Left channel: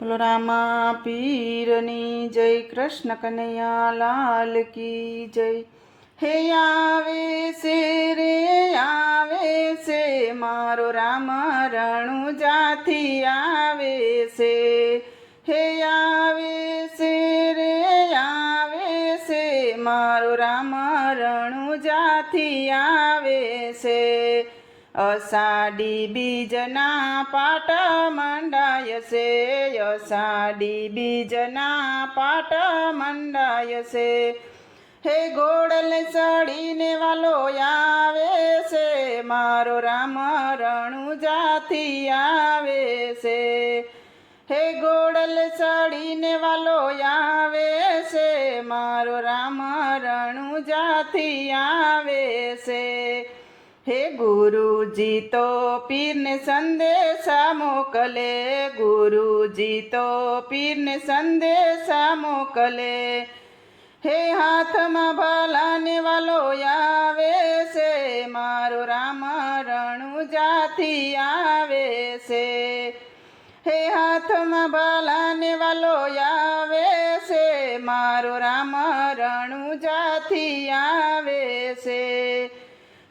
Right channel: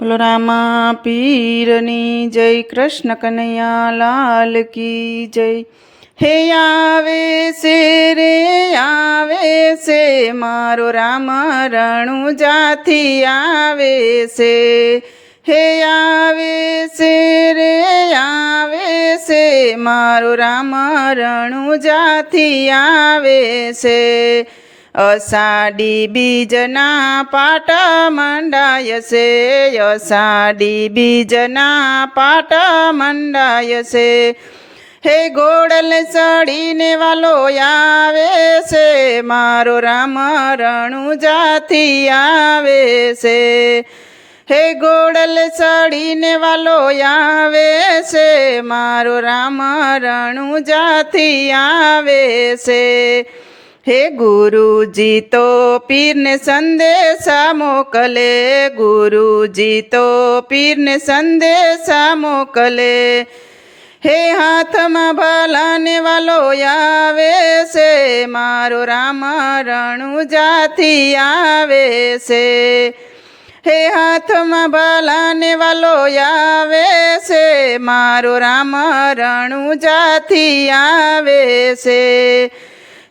બોલો રામા પીરની જય, કૃષ્ણ કનૈયા લાલ કી જય। હે આવે છે રે આવે છે, મારો રામ રણુજાથી આવે છે। હે આવે છે રે આવે છે, મારો રામ રણુજાથી આવે છે। અષાઢી બીજના પાટ મંડાય છે, અષાઢી બીજના પાટ મંડાય છે। હે ગોડલ ચડીને વાલો આવે છે, મારો રામ રણુજાથી આવે છે। હે ગોડલ ચડીને વાલો આવે છે, મારો રામ રણુજાથી આવે છે। હે ગુરુજી તો પીરને સંદેશા મોકલે, ગુરુજી તો પીરને સંદેશા મોકલે। હે હાથમાં ભલાને વાલો આવે છે, મારો રામ રણુજાથી આવે છે। હે હાથમાં ભલાને વાલો આવે છે, મારો રામ રણુજાથી આવે છે।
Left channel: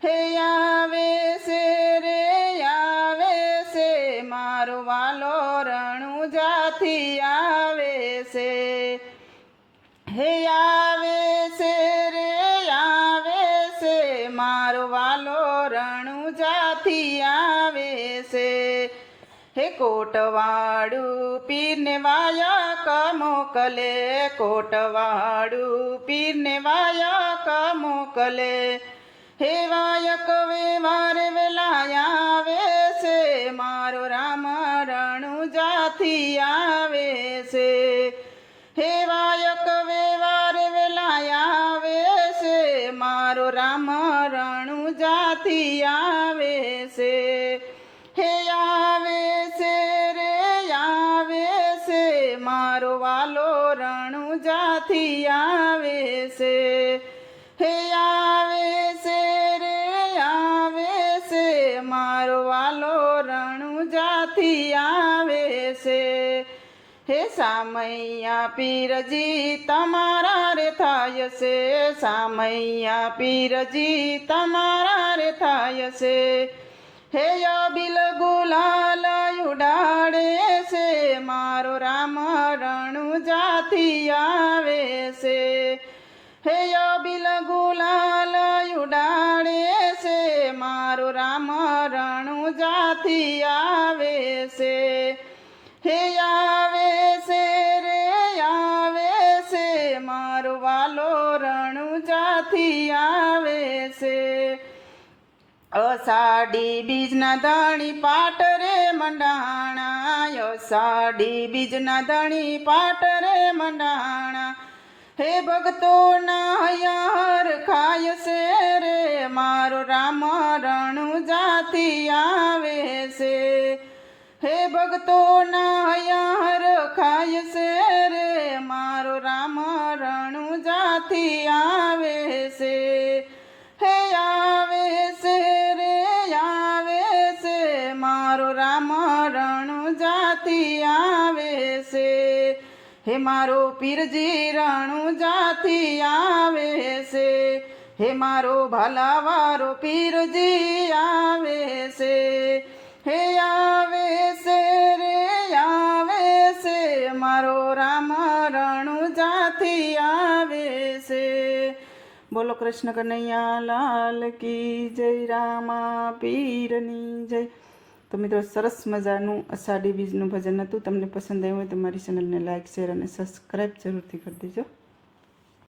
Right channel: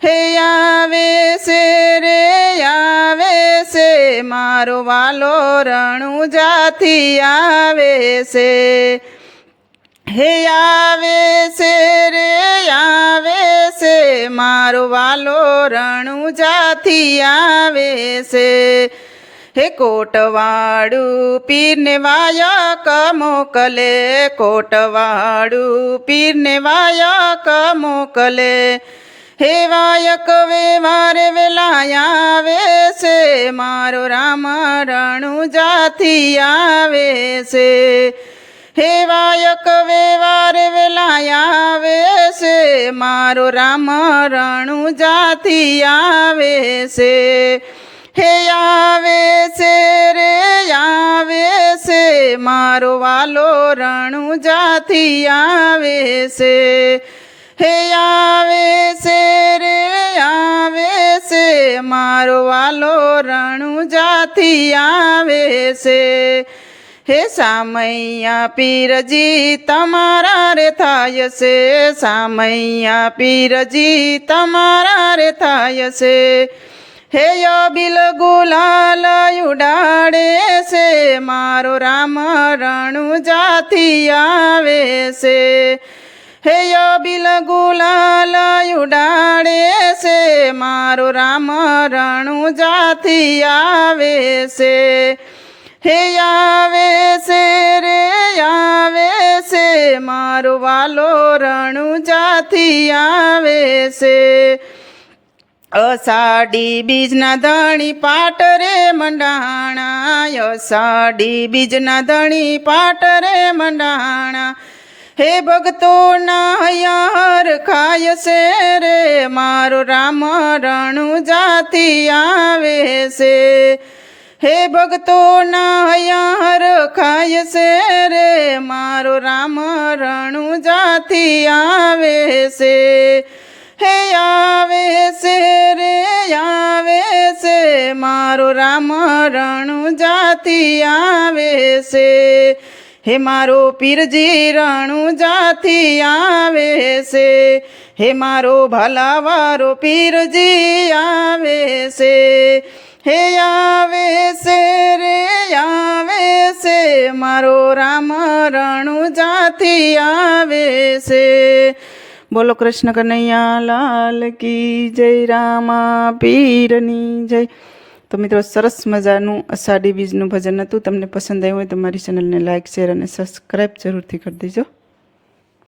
હે આવે છે રે આવે છે, મારો વાલો રણુજાથી આવે છે। હે આવે છે રે આવે છે, મારો વાલો રણુજાથી આવે છે। હે કોટવાળું પીરને વાયક મોકલે, કોટવાળું પીરને વાયક મોકલે। હે વાયક વેવારે વેલા આવે છે, મારો રામ રણુજાથી આવે છે। હે વાયક વેવારે વેલા આવે છે, મારો રામ રણુજાથી આવે છે। હે આવે છે રે આવે છે, મારો વાલો રણુજાથી આવે છે। હે આવે છે રે આવે છે, મારો વાલો રણુજાથી આવે છે। હે સામૈયા પીરજી તમારા રે થાય છે, સામૈયા પીરજી તમારા રે થાય છે। હે અબિલ ગુલાલ ઉડાડે છે, મારો રામ રણુજાથી આવે છે। હે અબિલ ગુલાલ ઉડાડે છે, મારો રામ રણુજાથી આવે છે। હે આવે છે રે આવે છે, મારો વાલો રણુજાથી આવે છે। અષાઢી બીજના ધણી પાટ રે મંડાણા, અષાઢી બીજના ધણી પાટ રે મંડાણા। હે ભક્તોના હૈયા હરખાય છે રે, મારો રામ રણુજાથી આવે છે। હે ભક્તોના હૈયા હરખાય છે રે, મારો રામ રણુજાથી આવે છે। હે આવે છે રે આવે છે, મારો રામ રણુજાથી આવે છે। હે મારો પીરજી રણુજાથી આવે છે, હે મારો ભલાવારો પીરજી આવે છે। હે આવે છે રે આવે છે, મારો રામ રણુજાથી આવે છે। બોલો કૃષ્ણ કનૈયા લાલ કી જય, રામા પીરની જય। તો મિત્રો, સરસ મજાનું અષાઢી બીજનું ભજન હતું। તમને પસંદ આવ્યું હોય તો મારી ચેનલને લાઇક, શેર અને સબસ્ક્રાઈબ જરૂરથી કરી દેજો।